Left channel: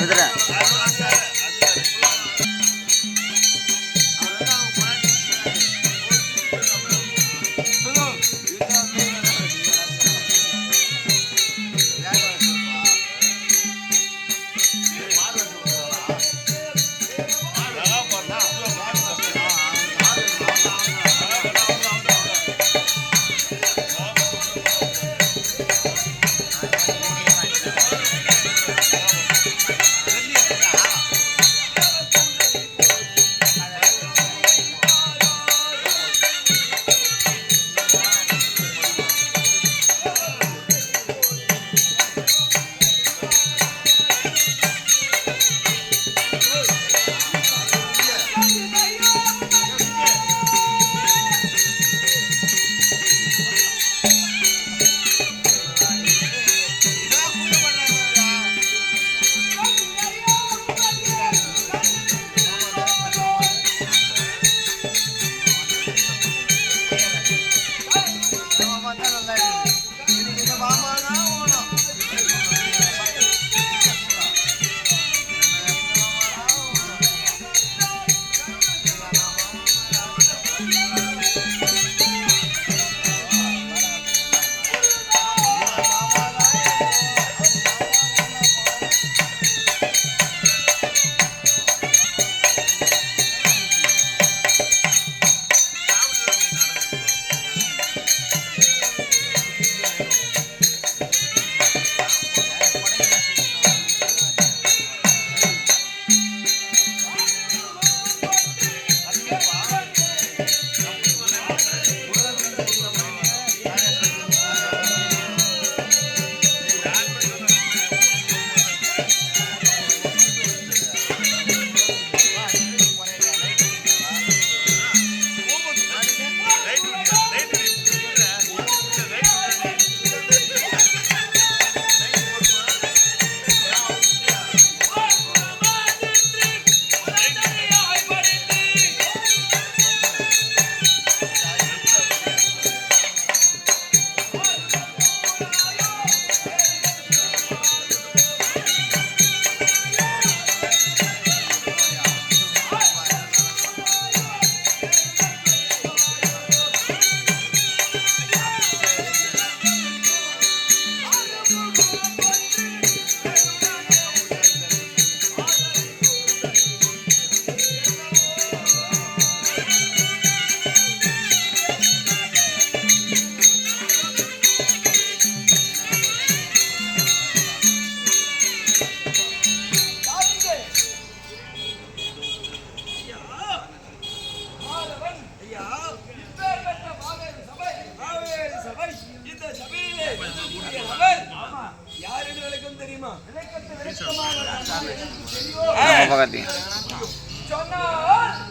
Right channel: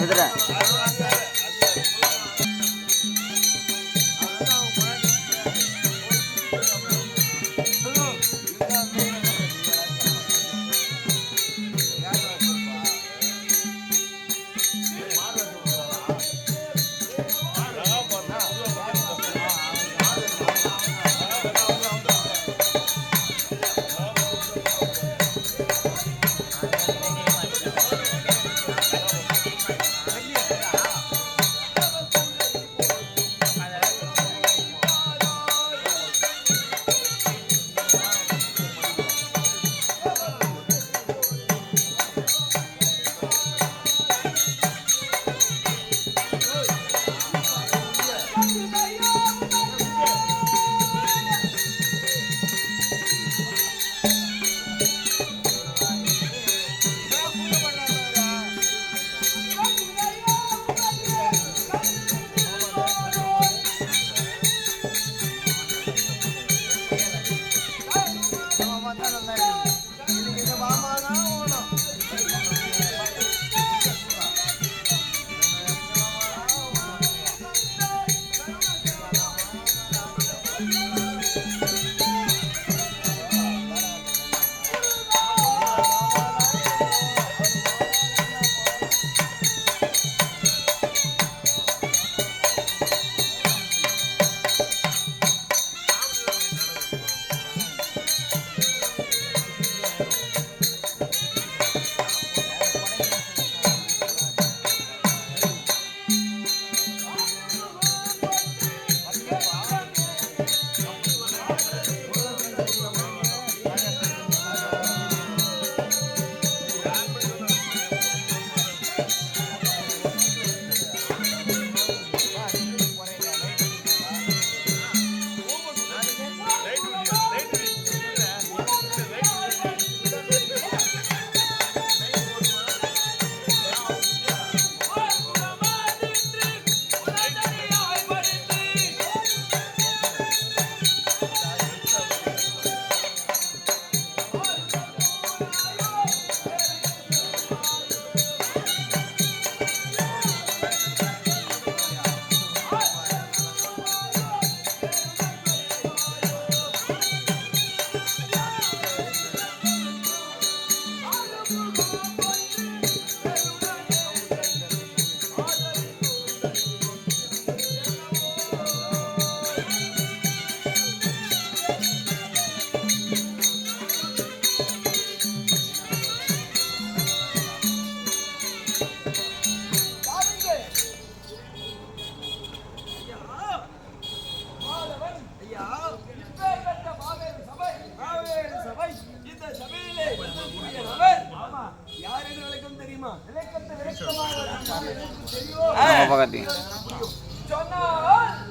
விதுற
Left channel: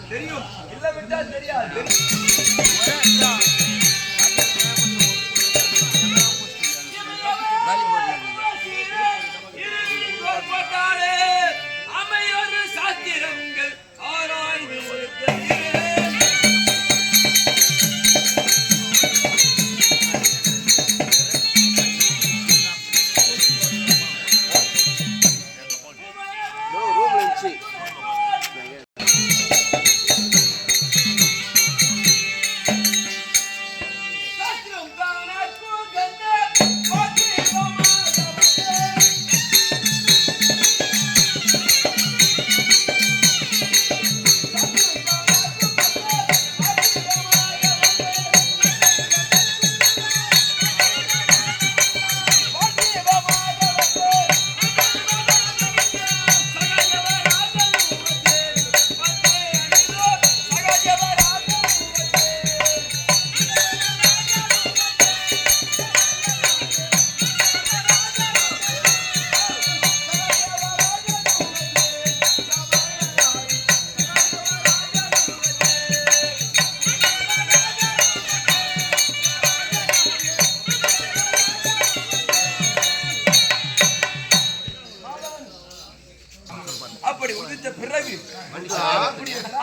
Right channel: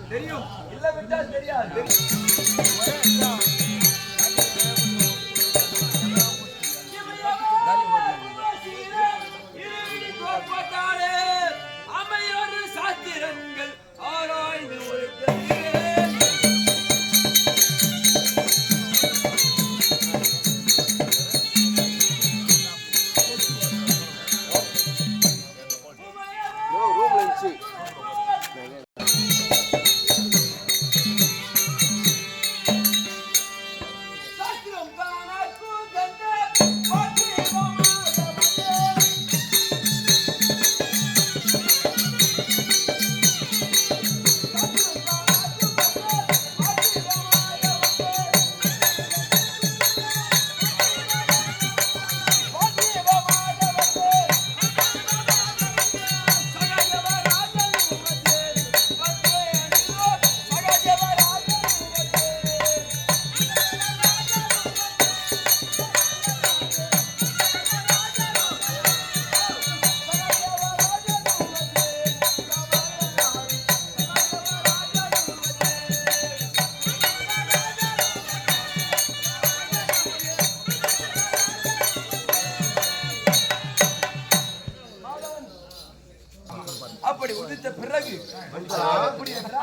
தெரியும் இல்ல விட்டா தெரியாது. அமையோரு சாத்திரங்கள் ஆராய்ந்து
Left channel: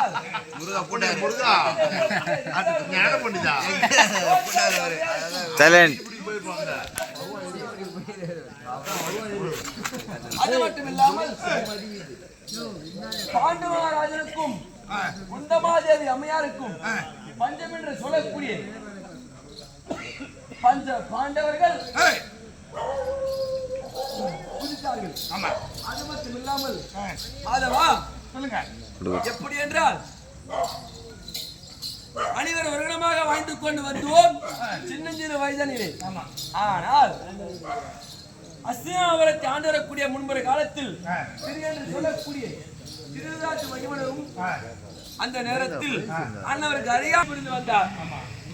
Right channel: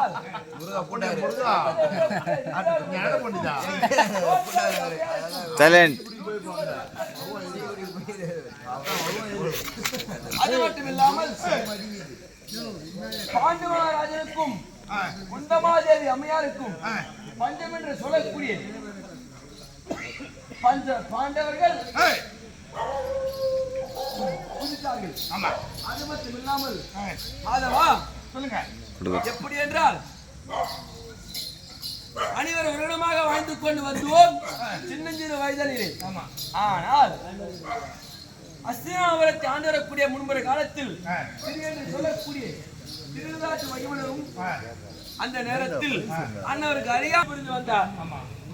என்றால் அது மட்டும் இல்லாமல் பாண்டு மகாராஜனுக்கும் குந்தமாதேவி அம்மையாருக்கும் பஞ்சம் என்று சொல்லக்கூடிய பஞ்ச பாண்டவர்கள் புதித்தார்கள். அது மட்டும் இல்லாமல் மாதவா சொல்லுங்க எப்படி என்றால் அனைவர் வருடமாக வாழ்ந்து கொண்டு வந்தோம் சின்னஞ்சிறு வயதனிலே. ஆனால் அஸ்தினாபுரத்தை ஆண்டு வரக்கூடிய முன்புற காலத்தில் திரு என்று சொல்லக்கூடிய திருதாட்டு மகிமனரும் அந்த நேரத்தில் அண்ணவருக்கு அறியா புரிந்து வந்தார்.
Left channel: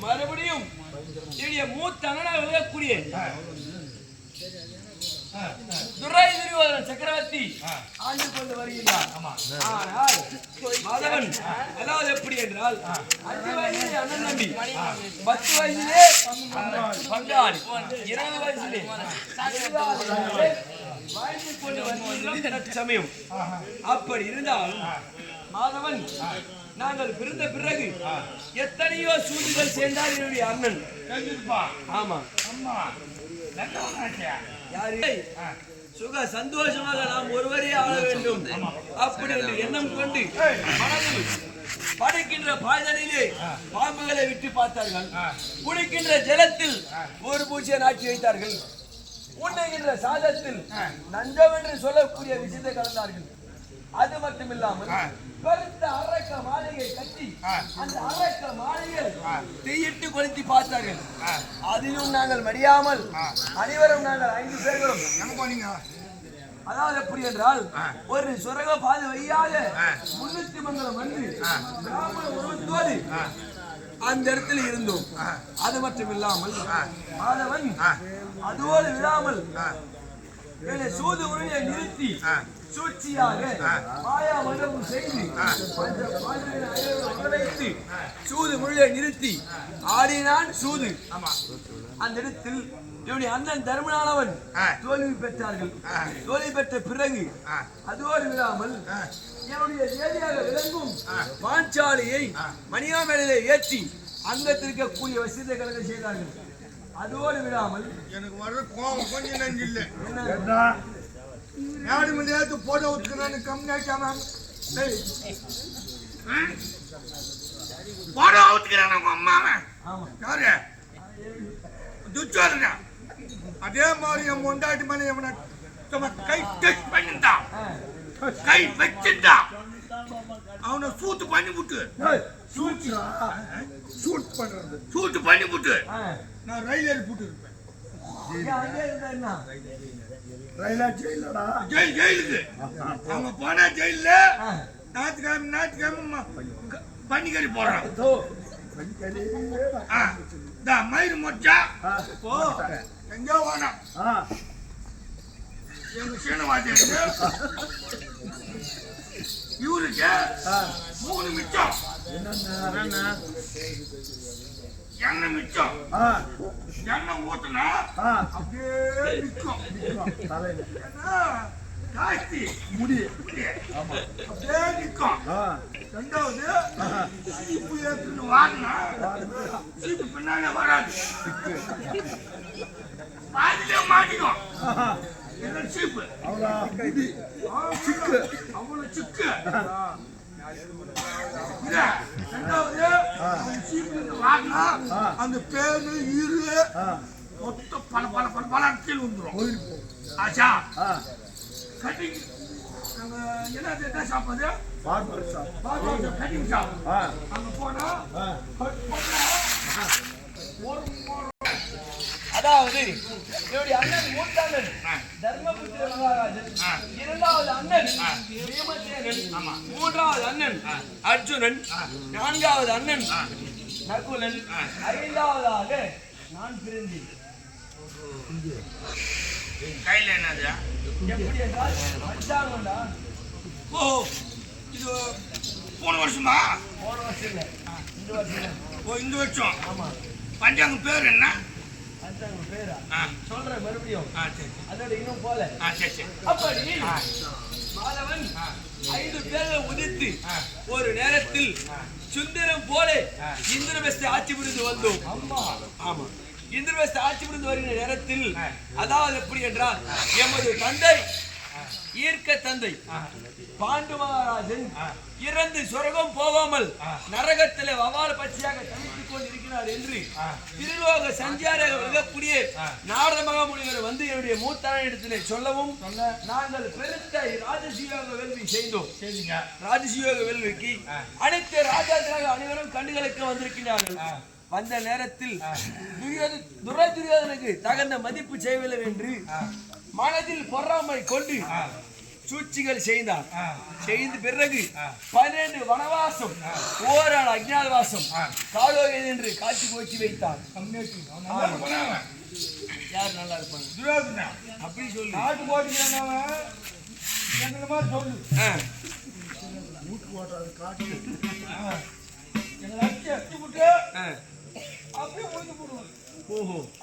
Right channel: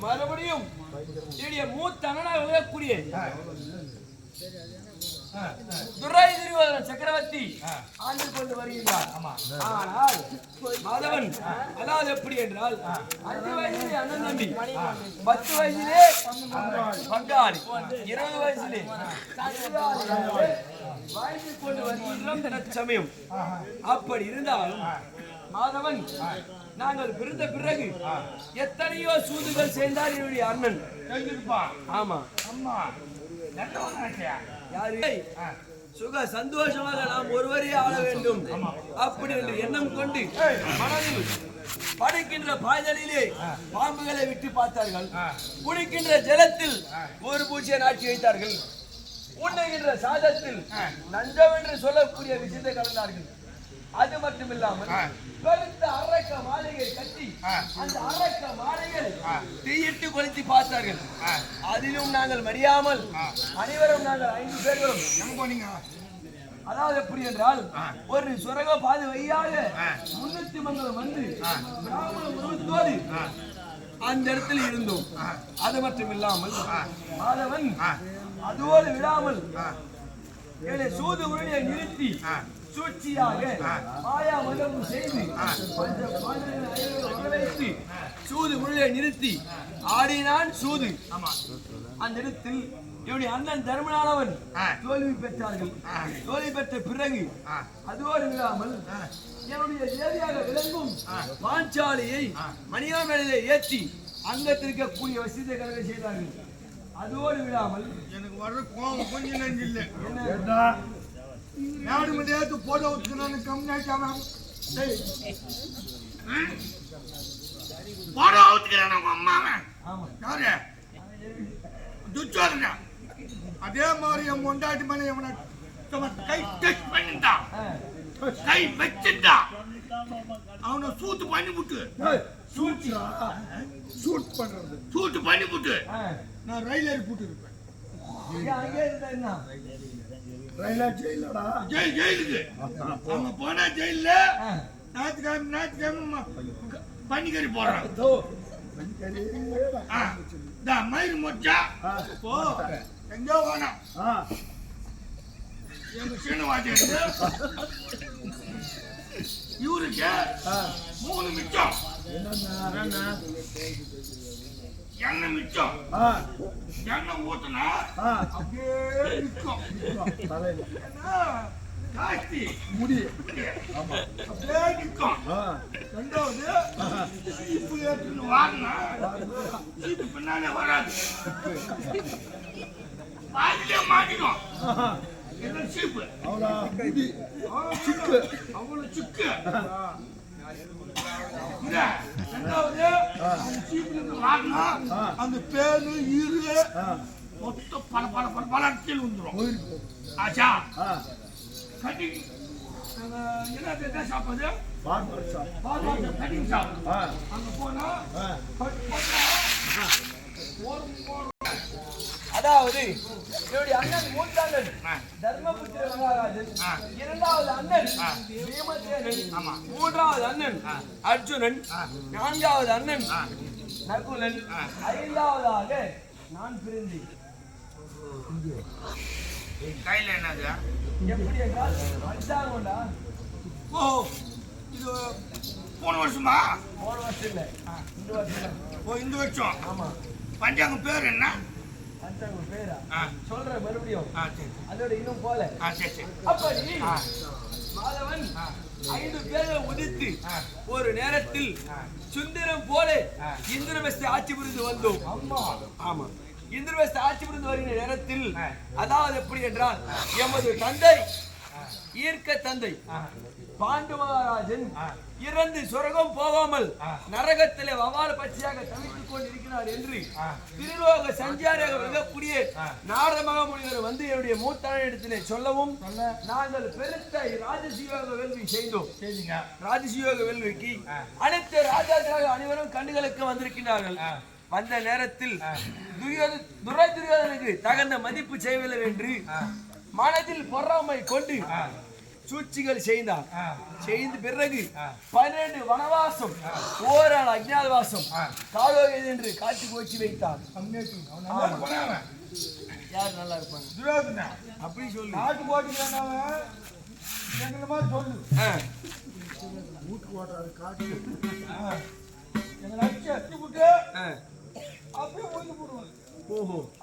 மறுபடியும் மூத்த அண்ணனாக விலகக்கூடிய துரை துரியோதன சக்கரவர்த்தி ஆண்டு கொண்டு வருகிறார். ஆனால் மாதவன் அதாவது எப்படி என்றால் 5 வயதிலே அண்ணன் தம்பி, 10 வயதிலே பங்காளி, 20 வயதிலே வாழ்ந்து கொண்டு வருகின்ற சமயம். அப்படி இருந்தாலும் மாதவன் நாங்கள் பிறந்த பிறகு எத்தனையோ சூதுகள் சேர்ந்தார் என்னுடைய அண்ணன். ஆமா சுக சந்தோஷமாக நாம் ஒருவரே ஆள வேண்டும் அப்படி என்று எண்ணம் கொண்டு மனதில் படைக்கின்ற பாய்தலிலே பாம்புகளை விட்டு பார்த்தார்கள். குடிக்கின்ற ஜலத்தில் ஒரு பூச்சியை நாட்டி வைத்தார்கள். உண்ணுகின்ற சாதத்தில் நஞ்சம் என்று சொல்லக்கூடிய விஷயத்தை கலந்தார்கள். அது மட்டும் இல்லாமல் பெருத்த அரக்க மாளிகை கட்டி அந்த அரக்க மாளிகையில் தீயிட்டு கொளுத்தி பார்த்தார்கள். அதிலும் நாங்கள் மடியாமல் அனைவரும் நாங்கள் 5 பேர்களும் அதாவது எப்படி என்றால் ஒரு சுரக பாதை வழியாக 300 மங்கலம் வந்து பிராமண உருவத்தோடு அந்த இடத்தில் இருந்தோம். அது மட்டும் இல்லாமல் மாதவன் அதோடு விடாமல் சூது உரையை நிறுத்தி சூழ்ச்சியாக மாயா மண்டபம் செய்து வைத்து சூது முழுவை நிறுத்தி ஆடினான் சூது. அந்த இடத்தில் என்னுடைய அண்ணன் தர்மனானவன் தோல்வி பெற்றார்கள். தோல்வி பெற்ற பிறகு அதோடு விடாமல் என்னுடைய தேவியாக விளங்கும் பாஞ்சாலியை மணியாமேடையிலே ஏற்றி அங்கத்திருக்கக்கூடிய வசதியை கணக்கு செய்தார்கள். அதோடு விடாமல் எனக்கு வர்ற கோபம் கொஞ்சம் நஞ்சு இல்லை. என்ன யாரு மணியாவது போட்டோ ஊத்துக்கணும் கம்மியாக்காம போட்டோ ஊத்துக்கிறான் உங்க அம்மாவை. யாரு துச்சோதனா அதே மாதிரி என் பொண்டாட்டி மனை எவனை கை டச் பண்ணிட்டான், கை வச்சுட்டான், அவனை சூத்து பண்ணி விட்டு சூட்டு பண்ணி விட்டு நான் ரயில் ஏறி போட்டு இருப்பேன். ஜெயிலுக்கு அவங்க போனா ஜெயில ஞாயிற்றுக்கிழமை பன்னிக்கறி போடுறான். மயிறு மொச்சா போ எங்கோ வேணாம். எங்க சீனவாதியாரு இவருக்கு 3 மிச்சம் எண்ணெய் மிச்சம். எண்ணெய் ஊத்துனா அப்படியே நிற்கும். ஜாஸ்தி முடி அப்படியே நிற்கும். 2வது சீப்பு ஏற்றுன்னு வாங்கினா சீப்பு பின்னாலே வராது, பாதிலே மாட்டிக்கும். சீப்பு அவ்வளவு சிக்கு. 2வது வாங்கினா அந்த பேரு ஈரு மொத்தம் பல பல பல பல கீழ் வந்துடும். ஆச்சா கட்டிங் என்ன சாப்பாடு கட்டிங் ஷாப். அங்க போனா அதாவது என்னுடைய அண்ணன் மூத்த அண்ணன் தர்மபுத்திர மகாராஜன், 2வது அண்ணன் பீமசேனன், 3வது அண்ணன் அர்ஜுனன், 4வது அண்ணன் நகுலன், 5வதாக நான் பிறந்தேன். கையில என்னது எப்படி என்றால் பஞ்சாங்கண்டா. ஓ இது போன வருஷமா? போன வருஷம் இல்ல, இந்த வருஷம். ஓ இந்த வருஷம். ஆமா. பஞ்சாங்க பேர் என்ன? பஞ்சாங்க பேரா சொல்றேன் மறுபடியும். சரி. அதோட இன்னும் போல. சரி சரி. அப்படி மாதவன் 5 பேர்கள் உதித்து ஒரு நேரத்தில் சுந்தரம் போல இந்திரவஸ்தை ஆட்சி புரிந்து வந்தோம். ஆமா, இந்திரவஸ்தை ஆட்சி புரிந்து வருகிற நேரத்தில் அதாவது எப்படி என்றால் எமது தந்தை ஈர்க்க தந்தை பாண்டு மகாராஜன் இறந்து சொர்க்கம் போகாமல் நரகத்திலே வவால் பட்சியாக தவித்துக் கொண்டிருக்கிறார் என்று திருலோக சஞ்சாரியாக விளங்கக்கூடிய நாரத மகாமுனிவர் வந்து என்னுடைய மூத்தானிடத்திலே சொல்லவும் நாங்கள் பெருத்த ராஜசீயோக வேள்வி செய்தோம். ராஜசீயோக வேள்விக்கு அனைத்து ராஜாக்களாக அனைவரும் கண்டுகளுக்கு வந்திருக்கிறார்கள். வந்த நேரத்தில் துரியோதனுக்கு தகுந்த மதிப்பு செய்யவில்லை என்று மனதில் பொறாமை கொண்டு சூழ்ச்சிகள் செய்தார். செய்த பிறகு 12 வனவாசம் ஓராள் அஜ்ஞாதவாசம் காலோகேது என்று காட்சி கோச்சி வைத்தார். யார் நல்லா இருப்பாங்க அப்படி சொல்லு காட்டு போட்டுக்கிறான் சொல்லு அப்படியே முடிஞ்சு போடுவாங்க.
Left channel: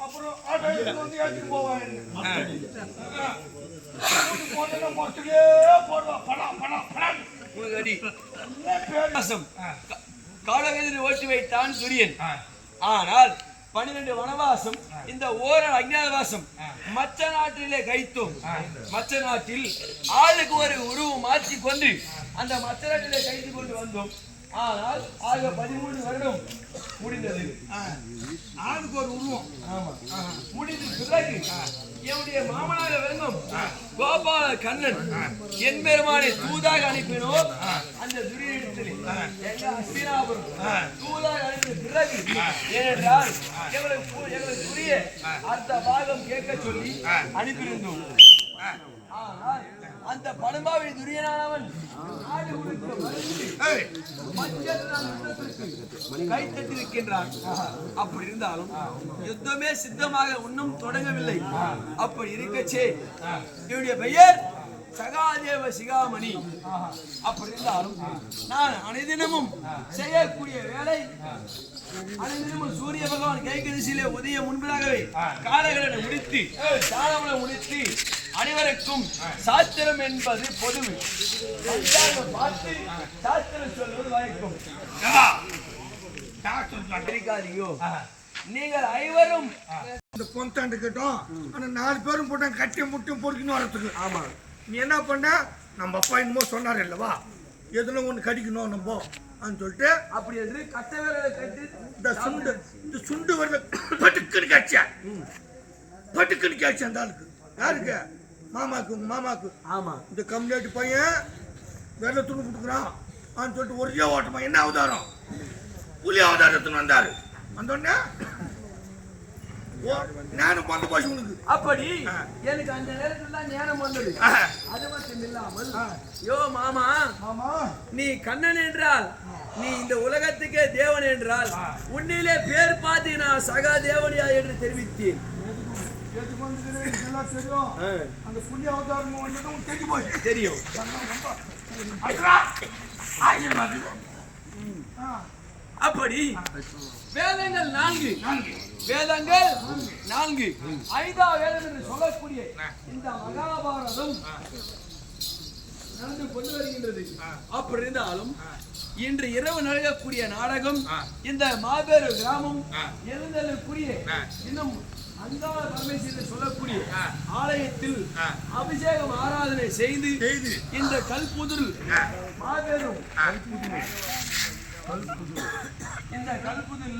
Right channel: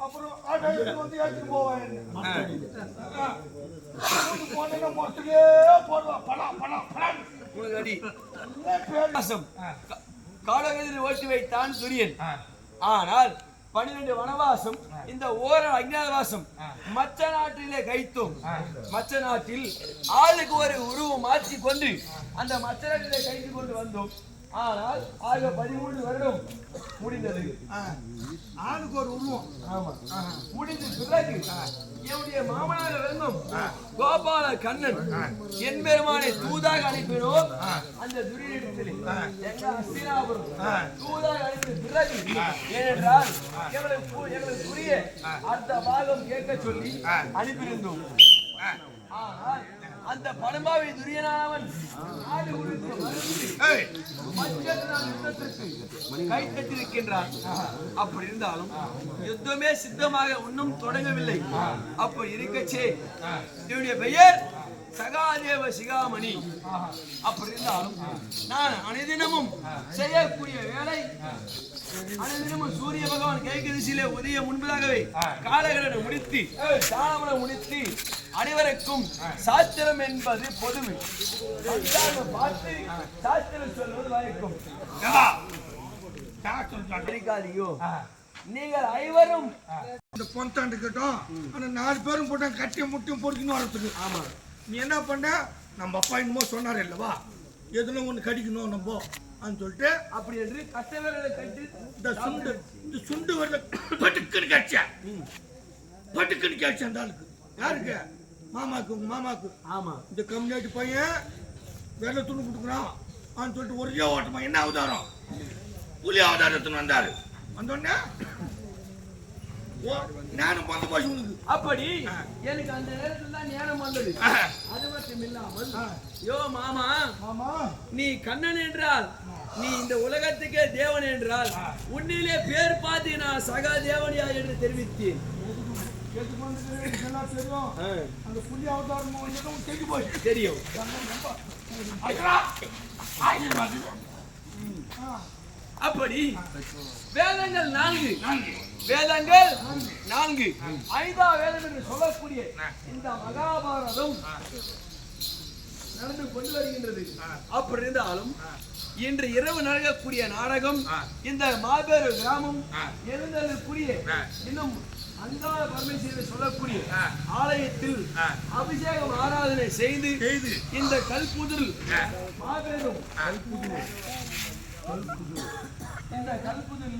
அப்புறம் வந்து எடுத்துட்டு போவாங்க. காலகேதியை ஓட்டி வைத்தான் துரியன். ஆனால் 12 வனவாசம் இந்த ஓராள் அஞ்ஞாதவாசம் மச்ச நாட்டிலே கைத்தோம். மச்ச நாட்டில் ஆளுக்கு ஒரு உருவம் மாற்றி கொண்டு அந்த மச்ச நாட்டிலே கைத்து கொண்டு வந்தோம். ஆனால் ஆக 13 வருடம் முடிந்தது. ஆளுக்கு ஒரு உருவம் முடிந்த பிறகு என்னுடைய மாமனாக விளங்கும் கோபால கண்ணன் என் பெருமானை தூதாக அனுப்பினோம். அந்த துரியனிடத்திலே எங்க அஸ்தினாபுரம் தூதாக அனுப்பின பிறகு ஏனென்றால் எங்களுக்கு புரிய அடுத்த பாகம் கேட்க சொல்லி அனுப்பியிருந்தோம். ஆனால் அந்த படும்பாவை துரியனானவன் நாடு குறித்த மருந்து கை கட்டிருக்கின்றான். அப்படி இருந்தாலும் யுத்தமே சித்தமாக இன்னும் தொடங்கவில்லை. அப்படி இருக்கச்சே என்னுடைய பெயர் சகாதேவ சிகாமணி. அப்படி இருந்தாலும் நான் அனைதினமும் செய்யக்கூடிய வேலை அனைதினமும் சூரிய பகவான் கைகரிசியிலே உதய முன்பதாகவே காலகடனை முடித்து சாலமனை முடித்து அனைவருக்கும் சாஸ்திரம் என்பது பொதுமை. பார்த்து சாஸ்திரம் சொல்வது வழக்கம். நீங்கள் ஐவரும் இந்த பொந்தாண்டு கேட்டோம். ஆனா 4 பேரும் போட்டா கட்டி முட்டையும் பொறுக்கணும் வரத்துக்கு. ஆமா, நீ என்ன பண்ண? நம்ம அப்பா என்னமோ சொன்னார் இல்லவா, எதுனா ஒண்ணு கடிக்கணும் நம்ம சொல்லிட்டு அப்படி என்று கட்ட வேலை கட்டி இந்த சுண்டு வரல பட்டுக்குன்னு காட்சியா பட்டுக்குன்னு காட்சி அந்த ஆளுக்கு. யாருக்கு? மாமாக்கு. உங்க மாமாக்கு. ஆமா, இந்த கம்யூனிட்டி பையன் வெள்ள துணி கொடுக்குறான் சொல்லிட்டு ஒரே ஓட்டமா என்ன அவதாரம் புலி அவதாரத்துன்னு வந்தாரு. வந்தோடனே ஞானம் வந்து போச்சு உனக்கு. அப்படி எனக்கு அந்த நேரத்துல தான் ஞானம் வந்தது. அது மட்டும் இல்லாமல் யோ மாமா நீ கண்ணன் என்றால் நீ இந்த உலகத்துக்கே தேவன் என்றால் உன்னிலே பேர் பார்த்து நான் சகா தேவனியா என்று தெரிவித்தேன். அந்த புலி அவதாரம் வந்தது தெரியும். அப்படி வேதங்கள் 4 வேதங்கள் 4 ஐதா வேதம் என்று சொல்லக்கூடிய இந்த மகாபாரதம் நடந்து கொண்டு வருகின்றது. அப்படி இருந்தாலும் இன்று இரவு நடக்கக்கூடிய நாடகம் இந்த மாபெரும் கிராமம் எழுந்தக்கூடிய இன்னும் அங்காள பரமேஸ்வரர் சொல்லக்கூடிய ஆலயத்தில் அபிஷேகம் ஆராதனை செய்து இந்த கல்புதில் மாபெரும் இந்த கல்புதில்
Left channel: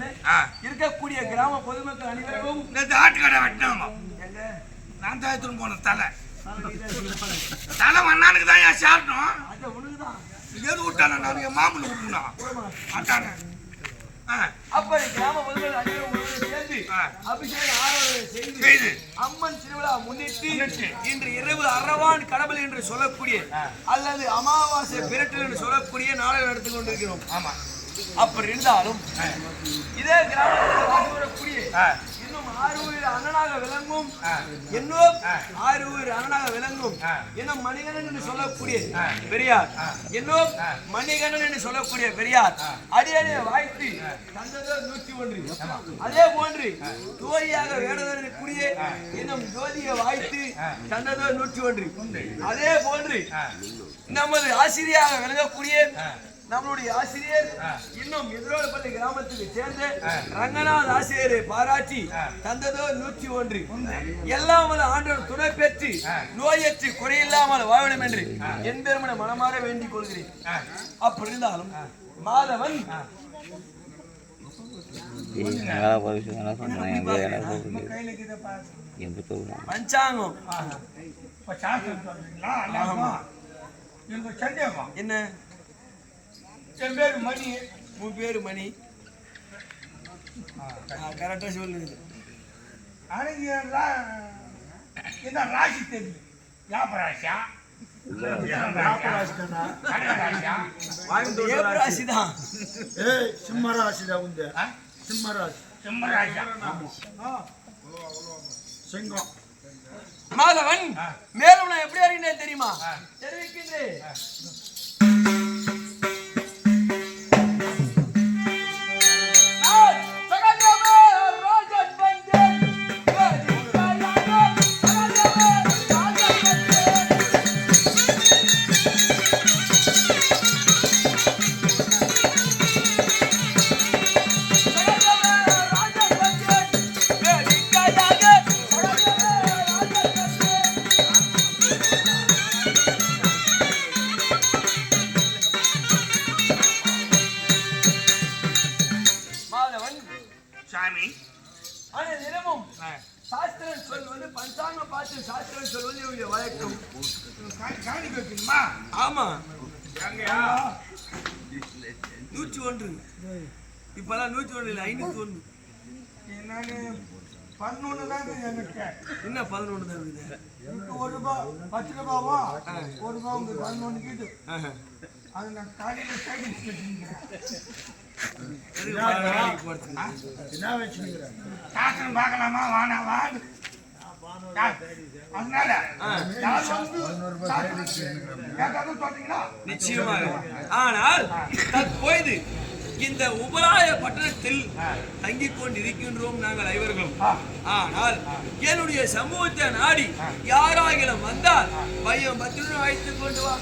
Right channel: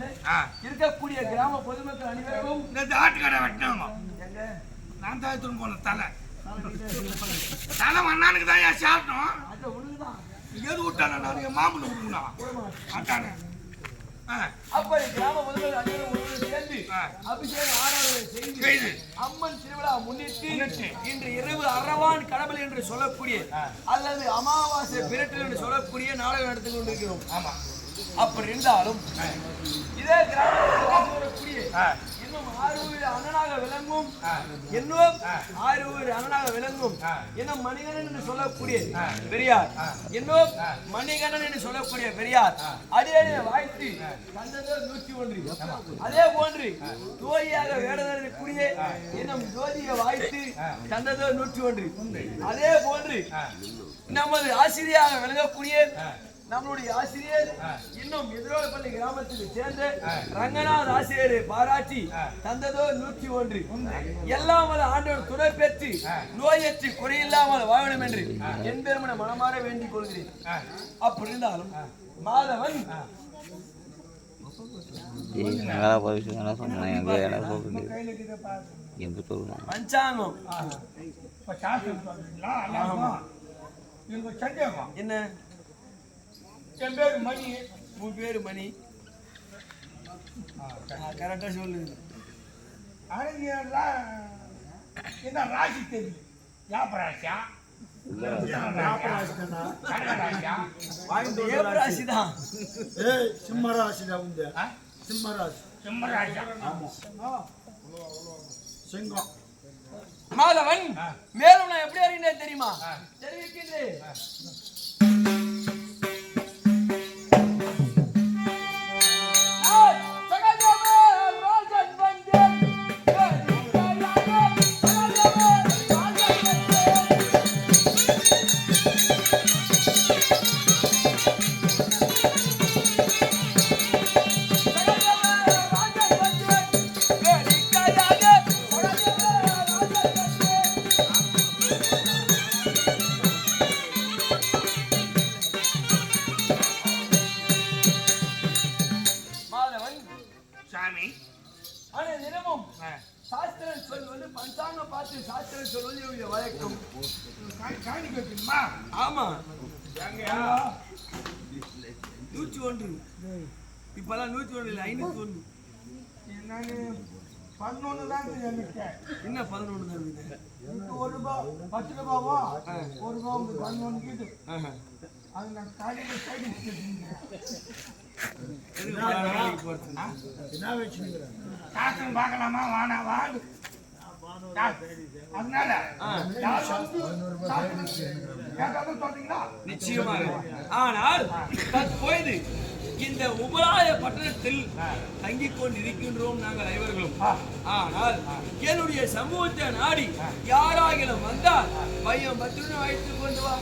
இருக்கக்கூடிய கிராம பொதுமக்கள் அனைவரும் ஆட்டுக்கடை வெட்டினாங்க. நான் தான் போன தலை மண்ணானுக்கு தான் ஏன் சாப்பிட்டோம். எது விட்டான நான் என் மாமூல் விட்டுனா ஆட்டான. அப்படி கிராம பொதுமக்கள் அனைவரும் சேர்ந்து அபிஷேக ஆராதனை செய்து அம்மன் திருவிழா முன்னிட்டு இன்று இரவு அரவான் கடவுள் என்று சொல்லக்கூடிய அல்லது அமாவாசை பிரட்டல் என்று சொல்லக்கூடிய நாடகம் நடத்தி கொண்டிருக்கிறோம். ஆமா, அப்படி இருந்தாலும் இதே கிராமத்தில் வாழ்ந்து வரக்கூடிய இன்னும் 6 உயிர் அண்ணனாக விளங்கும் இன்னும் 6 உயிர் அண்ணனாக விளங்கும் இன்னும் மணிகண்டன் என்று சொல்லக்கூடிய பெரியார் இன்னும் மணிகண்டன் என்று சொல்லக்கூடிய பெரியார் அடியடியை வாழ்த்து தந்ததோ 101. அதே போன்று ஜோதியாக வேடக்கூடிய இன்னும் ஜோதியை வாழ்த்து தந்ததோ 101. அதே போன்று நமது ஆசிரியராக விளங்கக்கூடிய நம்மளுடைய ஆசிரியர் இன்னும் எதிரோடப்பள்ளி கிராமத்துக்கு சேர்ந்த ரங்கநாத் ஆசிரியரை பாராட்டி தந்ததோ 101. எல்லாம் வல்ல ஆண்டவர் துணை பெற்று நோயற்று குறையில்லாமல் வாழ வேண்டும் என்று என் பெருமன மனமாற வேண்டிக் கொள்கிறேன். அப்படி இருந்தாலும் மாதவன் பஞ்சாங்கம் என்ன என் பேரு மணி. உன் பேரு மணி கரெக்டா சொல்லுங்க. என்ன ராசி தெரியல. வியாபராசியா ராசிதான். சிம்மராசிதான் உண்டு. சிம்மராசி. சிம்மராசியா சிங்கம். மாதவன் மேலும் நான் எப்படி அறிந்தேன் தெரியுமா? தெரிவிக்கின்றேன். சாஸ்திரம் சொல்வது பஞ்சாங்கம் பார்த்து சாஸ்திரம் சொல்வது வழக்கம். காணிக்க வைக்கணுமா? ஆமா 101. இப்பெல்லாம் 101 இல்லை 501. நான் 11 தான் எனக்கு. என்ன 11 தான் இருக்குது? ₹1 10 ரூபாவா ₹1 உங்களுக்கு 11 கீது. அது நான் காலையில் சைக்கிள் சாஸ்திரம் பார்க்கலாமா வானாவா? அதனால நிச்சயமாக. ஆனால் தற்போது இந்த உபராய பட்டணத்தில் தங்கிக் கொண்டிருக்கின்றோம் நாங்கள் ஐவர்களும். ஆனால் என்னுடைய சமூகத்தை நாடி யாராகிலும் வந்தால் பையன் 10 ரூபாய் வைத்துக் கொண்டு வா.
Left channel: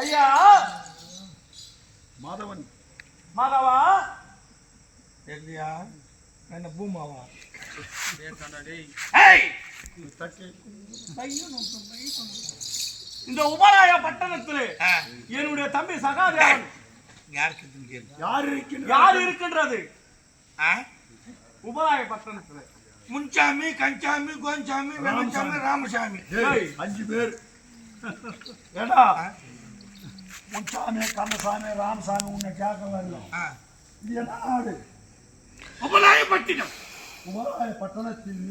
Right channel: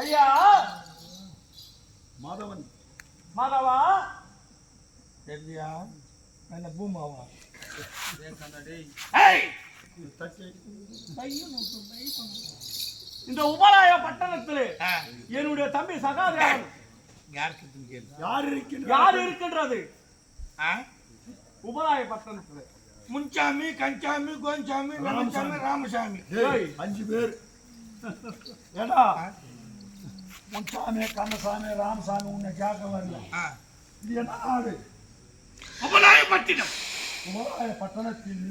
ஐயா மாதவன். மாதவா தெரியலையா? என்ன பூமாவா? இந்த உபராய பட்டணத்திலே என்னுடைய தம்பி சகாதேவன் யார் இருக்கின்றது? உபராய பட்டணத்திலே முன்சாமி, கஞ்சாமி, கோஞ்சாமி, வெங்கச்சாமி, ராமசாமி 5 பேர். ஏடா முன்சாமி, கண்ணசாமி, ராமசாமி உன்னை கேட்க வரல. இது என்ன நாடு? உபராய பட்டினம். உபராய பட்டணத்தில்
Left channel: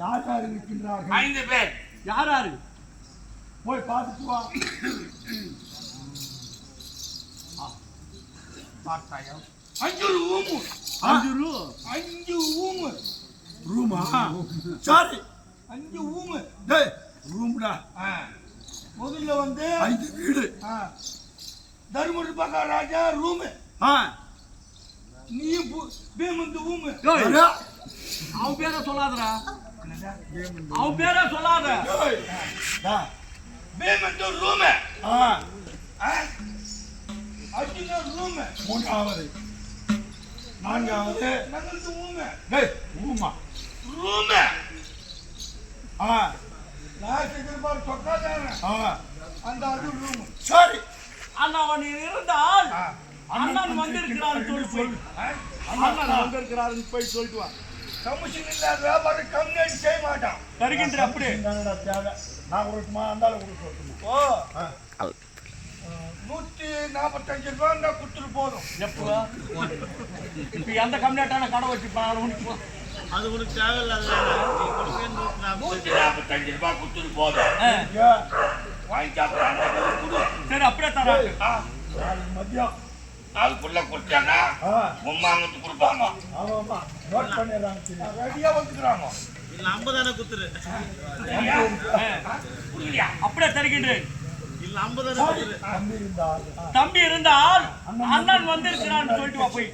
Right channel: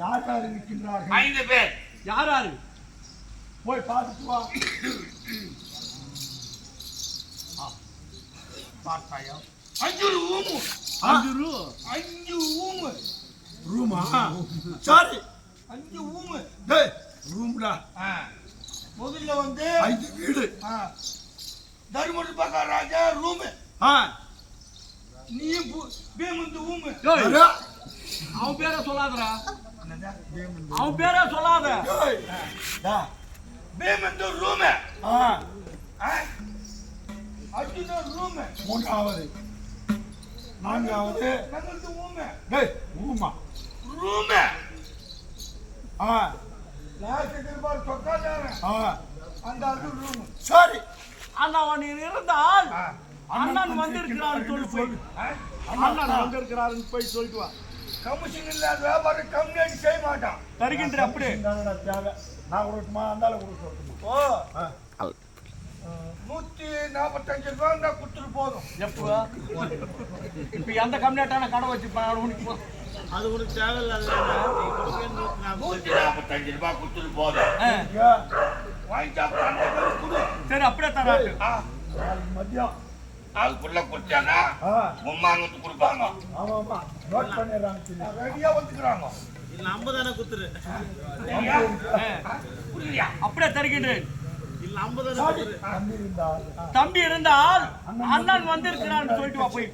யார் யார் இருக்கின்றார்கள்? 5 பேர். யார் யாரு? போய் பார்த்துட்டு வா. பார்த்தாயம் 5 ரூமு 5 ரூமு ரூமா சாரி 5 ரூமு டேய் ரூம்டா முதல்ல வந்து 5 வீடு தர்மபுரி பக்கா ராஜா ரூமு நீ பேமந்து ரூமு அவன் பேரை சொல்லாதடா அவன் பேரை சொல்லாத பேமந்து ரூமு அர்ஜுன ரூமு மூன்றாவது நான்காவது நகந்து ரூமு டேய் ரூமா ரூமு லாஸ்ட் திருப்பார் சொக்காதான அந்த அர்ஜுன் ரூமு சரி அண்ணன் இருந்தால் அண்ணன் வந்திருக்கிறான்னு சொல்லு அண்ணன் வந்திருக்கிறாருன்னு போய் சொல்லிட்டு வா கமிஷன் இல்லாத வியாபாரம் கம்யூனிட்டி செய்ய மாட்டான் தருகின்ற அப்படியே தேவை நான் கொடுத்துமா அந்தால கொடுக்க சொல்லட்டுமா ஓ 145 ரூபா இருந்தா கொடுத்துட்டு போதும் எப்போ இப்ப எந்த கம்யூனிட்டான கடை வச்சு அது உனக்கு தேவையில்லாத 145 ரூபா கொடுத்துட்டு போதும் வாங்கி சாப்பிட்டாங்க சரி அப்படியே தராட்டு நாளைக்கு மதியம் அதுக்குள்ள கொடுத்தாங்க உம்மாங்கத்து கொடுப்பாங்க ஆமாம்மா நோட் பண்ணிடுறாங்க ரெடியா வந்துக்கிறாங்க இல்ல 50 தானே குத்துரு புரியலையா அப்படியே தருகின்றேன் இல்ல 50 தானே தம்பி இருந்தால் அண்ணன் வந்திருக்கிறான்னு சொல்லிட்டு வா போய்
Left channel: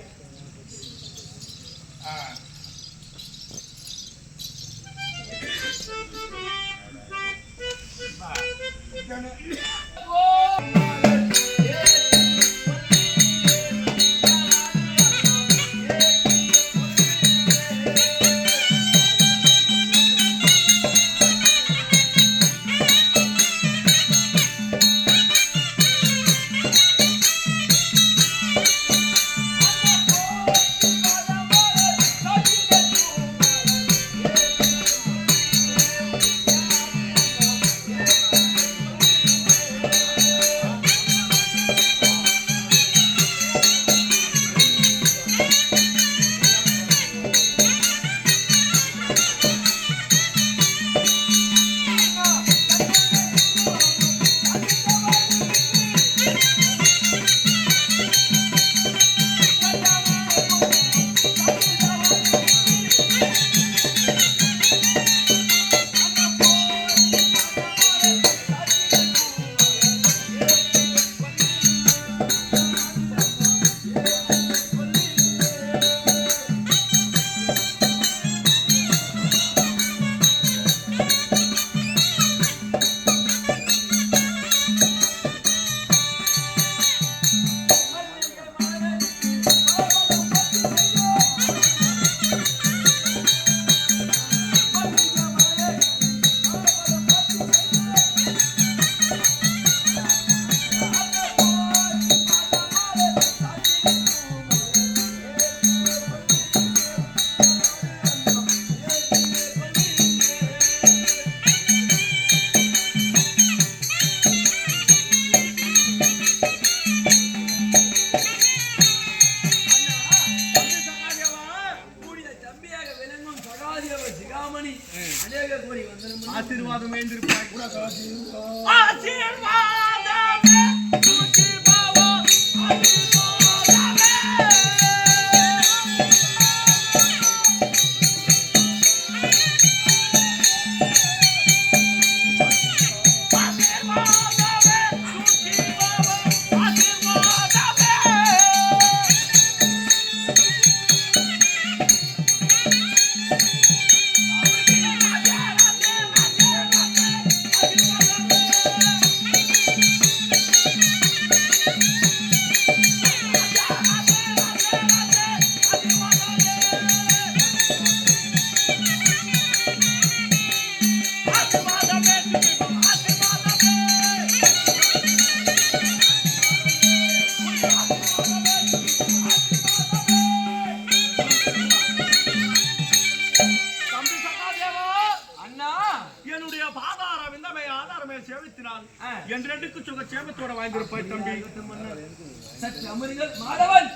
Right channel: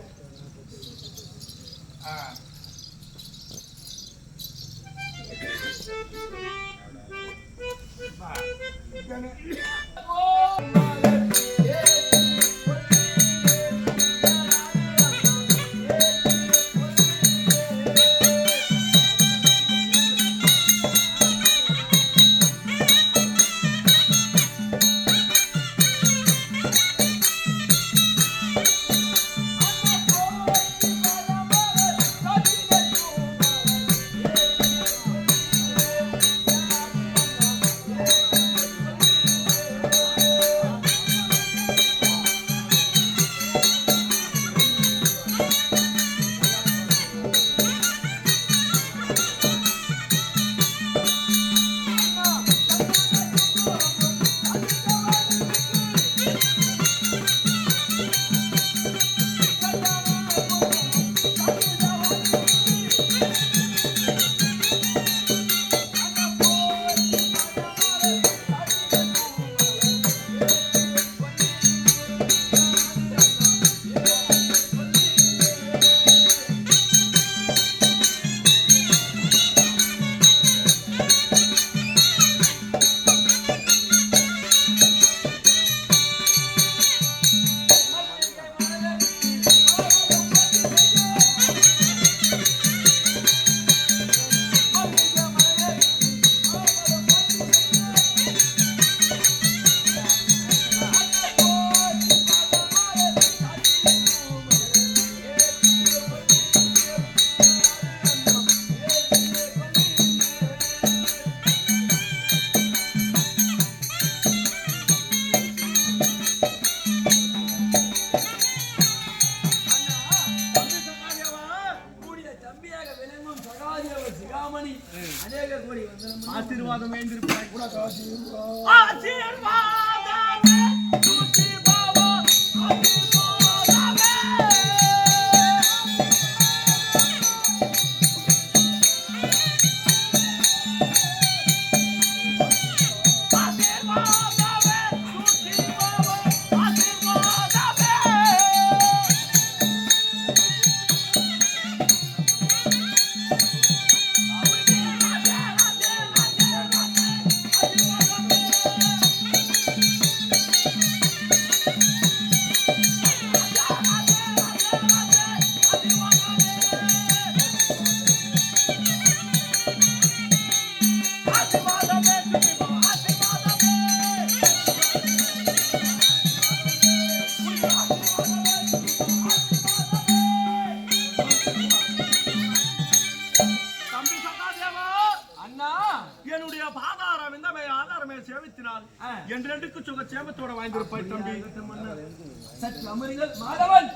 ஆசீர்வாதம் வேண்டியிருப்பாய் ஆசீர்வாதமே தூக்கி பாவோ என்றெடுக்கு சுக சேமத்தோட வாழ்ந்திருப்பாய் தம்பி. சற்று அமருங்கள் மாதவன்.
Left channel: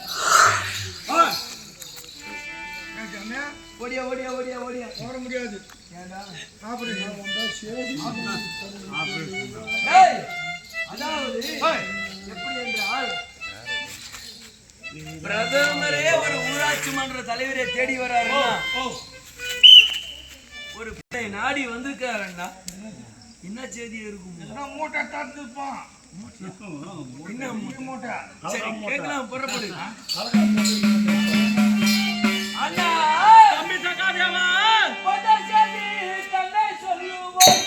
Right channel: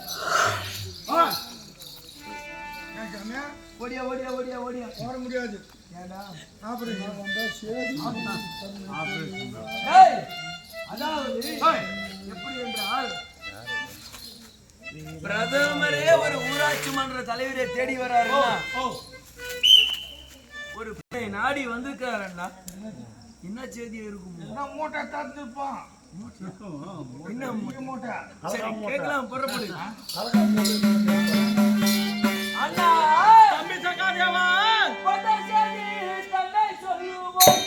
ஓடியா ஓடியா ஓடியா ஓடியா ஓட முடியாது. அதாவது எப்படி என்றால் பிரதமரே ஒரு ஊராட்சி மன்ற தலைவரை தேடி வர்றாருன்னா ஒரு பிள்ளை நாடி வந்திருக்காருன்னா என்ன செய்தி இருக்கும்? மூட்டை தந்துப்பான். என்ன மூட்டை? சரி கேட்கலாம், புறப்படு. அண்ணா தம்பி சகாதேவா, தன்னை சொல்லுவோம்.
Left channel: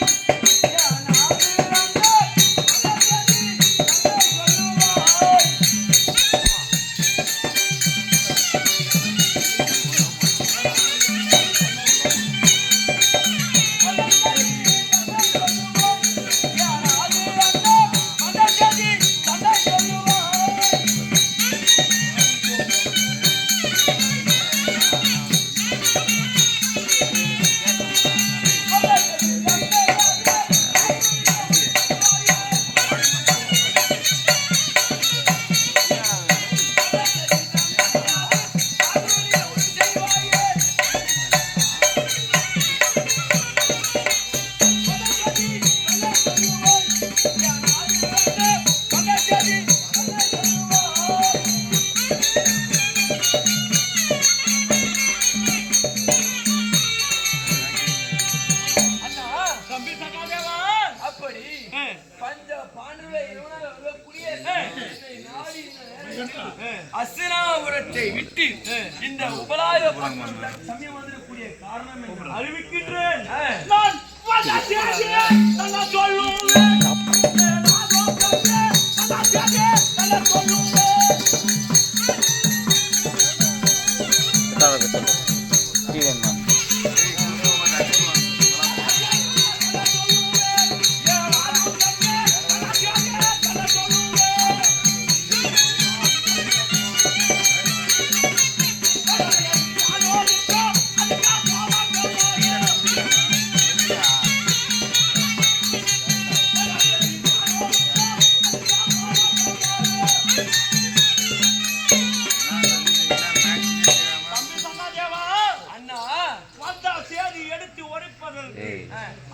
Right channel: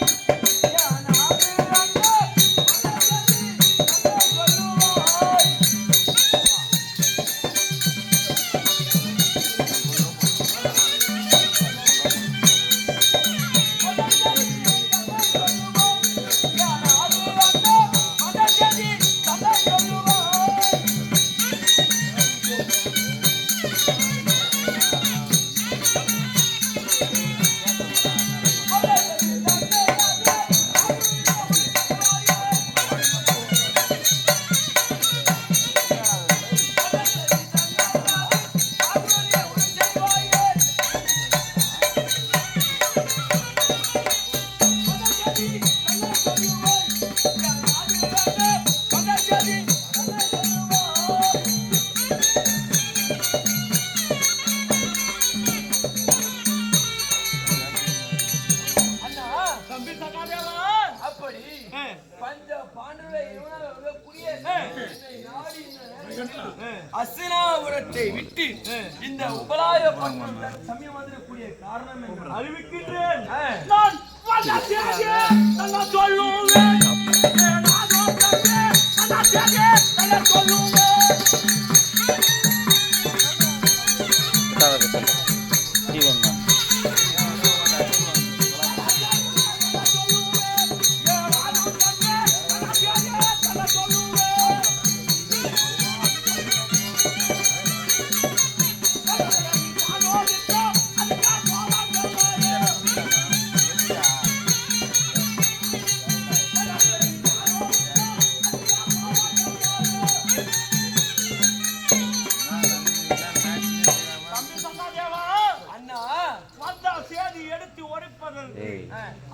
அசினாபுரத்தை விட்டு இந்த உபலாய பட்டணம் சமயம் வந்திருக்கக்கூடிய காரணம் என்று அறிவிக்கின்றேன். நான்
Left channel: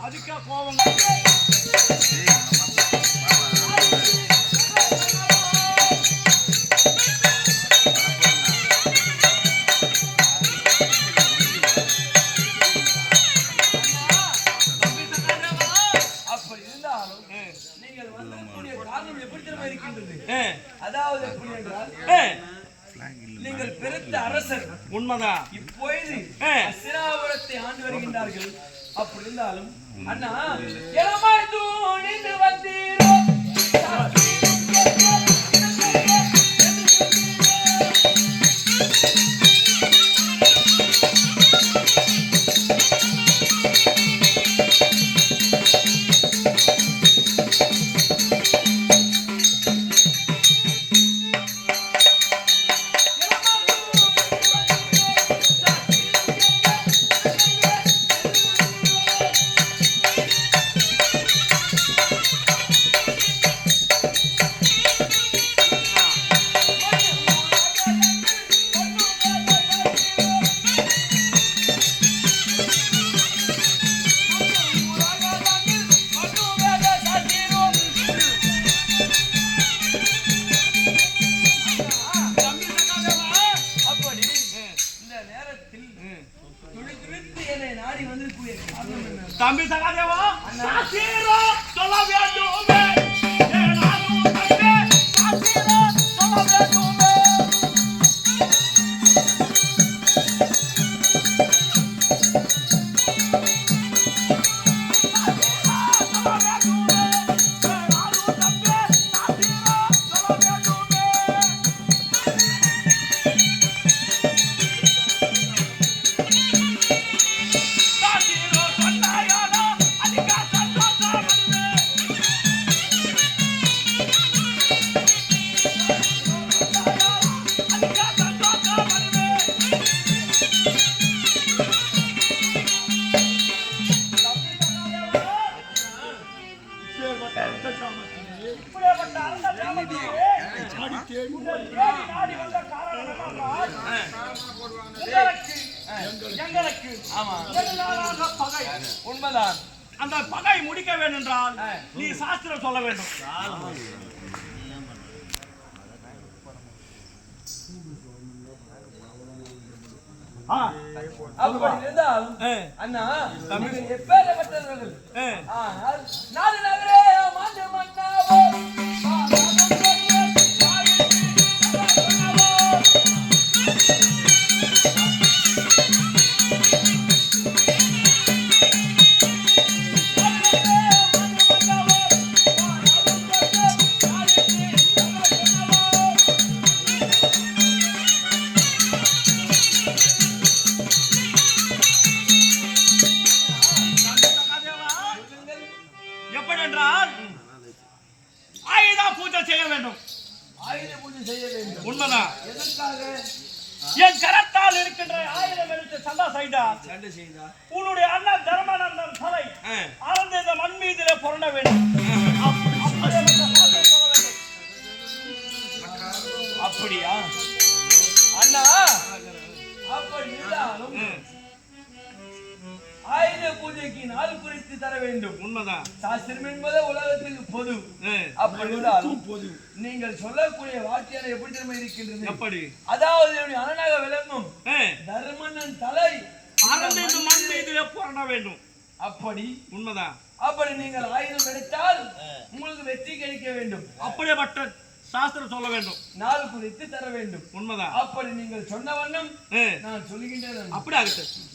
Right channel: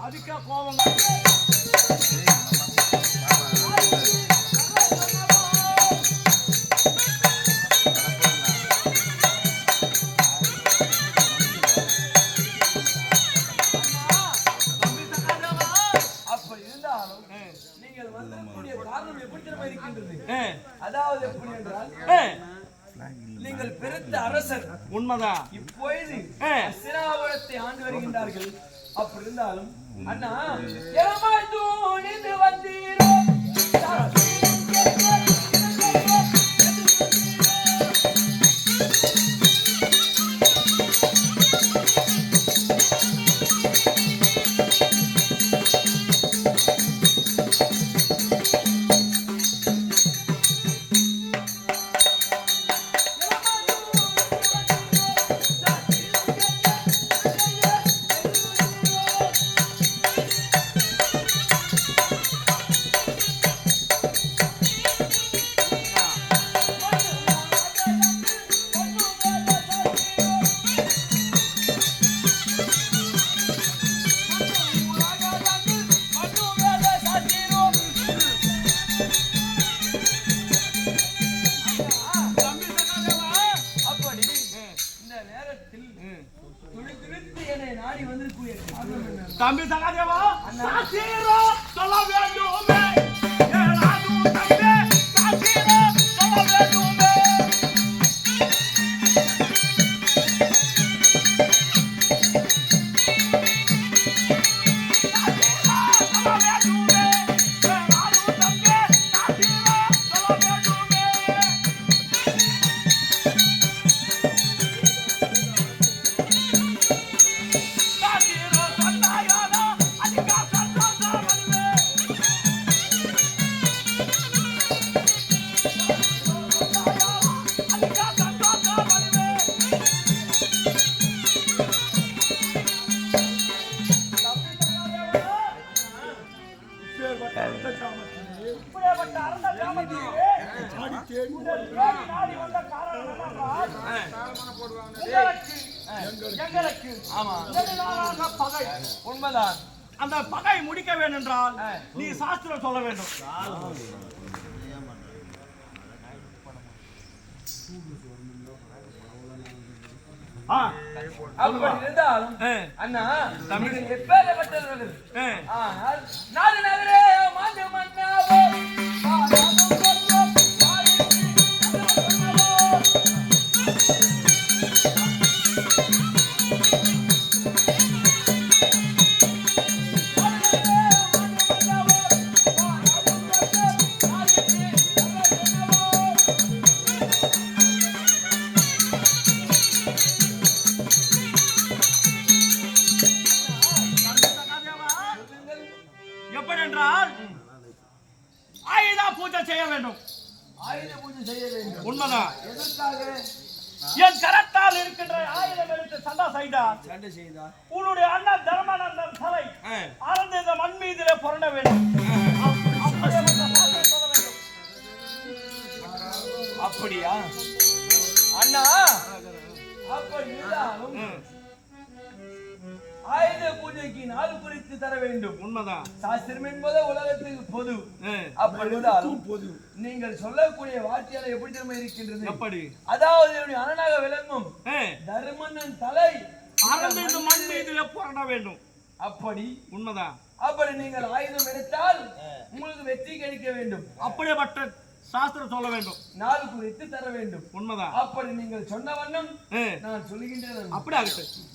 அதுக்கா கோபம் அப்படி இருந்தாலும் நீங்கள் வந்திருக்கக்கூடிய காரணம் எப்படி திரும்ப இருக்கின்றது? அதாவது எப்படி என்றால் நீங்கள் பிறந்த அரசர் உண்மைதான். இப்பொழுது அசினாபுரத்தை ஆண்டு வருகின்றார்கள். அப்படி இருந்தாலும் அண்ணா இளமாய் தூணிந்து வந்தீரோ தம்பி சகாதேவா, சொல்ல வேண்டுமே, ஏனாதும் தம்பி சொல்ல வேண்டுமே. எங்களுக்கு பகை உண்மைதான். அந்த பகை முடிக்க வேண்டும் என்றால் நீ சாஸ்திரம் சொல்ல வேண்டும். அப்படி இருந்தாலும் அண்ணா தமிழ் எப்பேற்பட்டவர்கள் ஆனால் நாடு நகரே மாண்டு மன்னாவோ எப்படி என்றால் ஆயுத பூஜை செய்ய வேண்டும். ஆயுத பூஜை செய்ய வேண்டும். உண்மைதான். எதற்காக? என் கரத்தால் இருக்கின்ற ஆயுதம் எடுத்து சண்டை செய்தார். சண்டை செய்தா உன்னுடைய அண்ணன் தர்மானந்தன் தலை அறந்த இந்த மண் மீதிலே புரண்ட வேண்டும். அப்படியா அண்ணா? அப்படி இருந்தாலும் ஆயுத பூஜைக்கு நாள் குறித்து தர வேண்டும். உண்மைதான். சாஸ்திரம் என்பது உலகத்துக்கு பொது. அப்படி இருந்தாலும் நீங்கள் சொல்லக்கூடிய வார்த்தையால எப்படி திறமை இருக்கின்றது? எப்படி? அதாவது அரணாக விளங்கும் தர்மனன் தலை அறந்த இந்த மண் மீதிலே புரண்ட வேண்டும். அப்படி உண்மைதான். அப்படி நீங்கள் ஆயுதம் எடுத்தால் உங்களுக்கு வெற்றி கிடைக்க வேண்டும். அப்படியேப்பட்ட சாஸ்திரம் சொல்ல வேண்டும். நாள் குறித்து தர வேண்டும். உண்மைதான். அப்படி நீங்கள் சொன்ன வண்ணம் நான் சொல்லுகின்றேன். அப்படி ஆகட்டும்.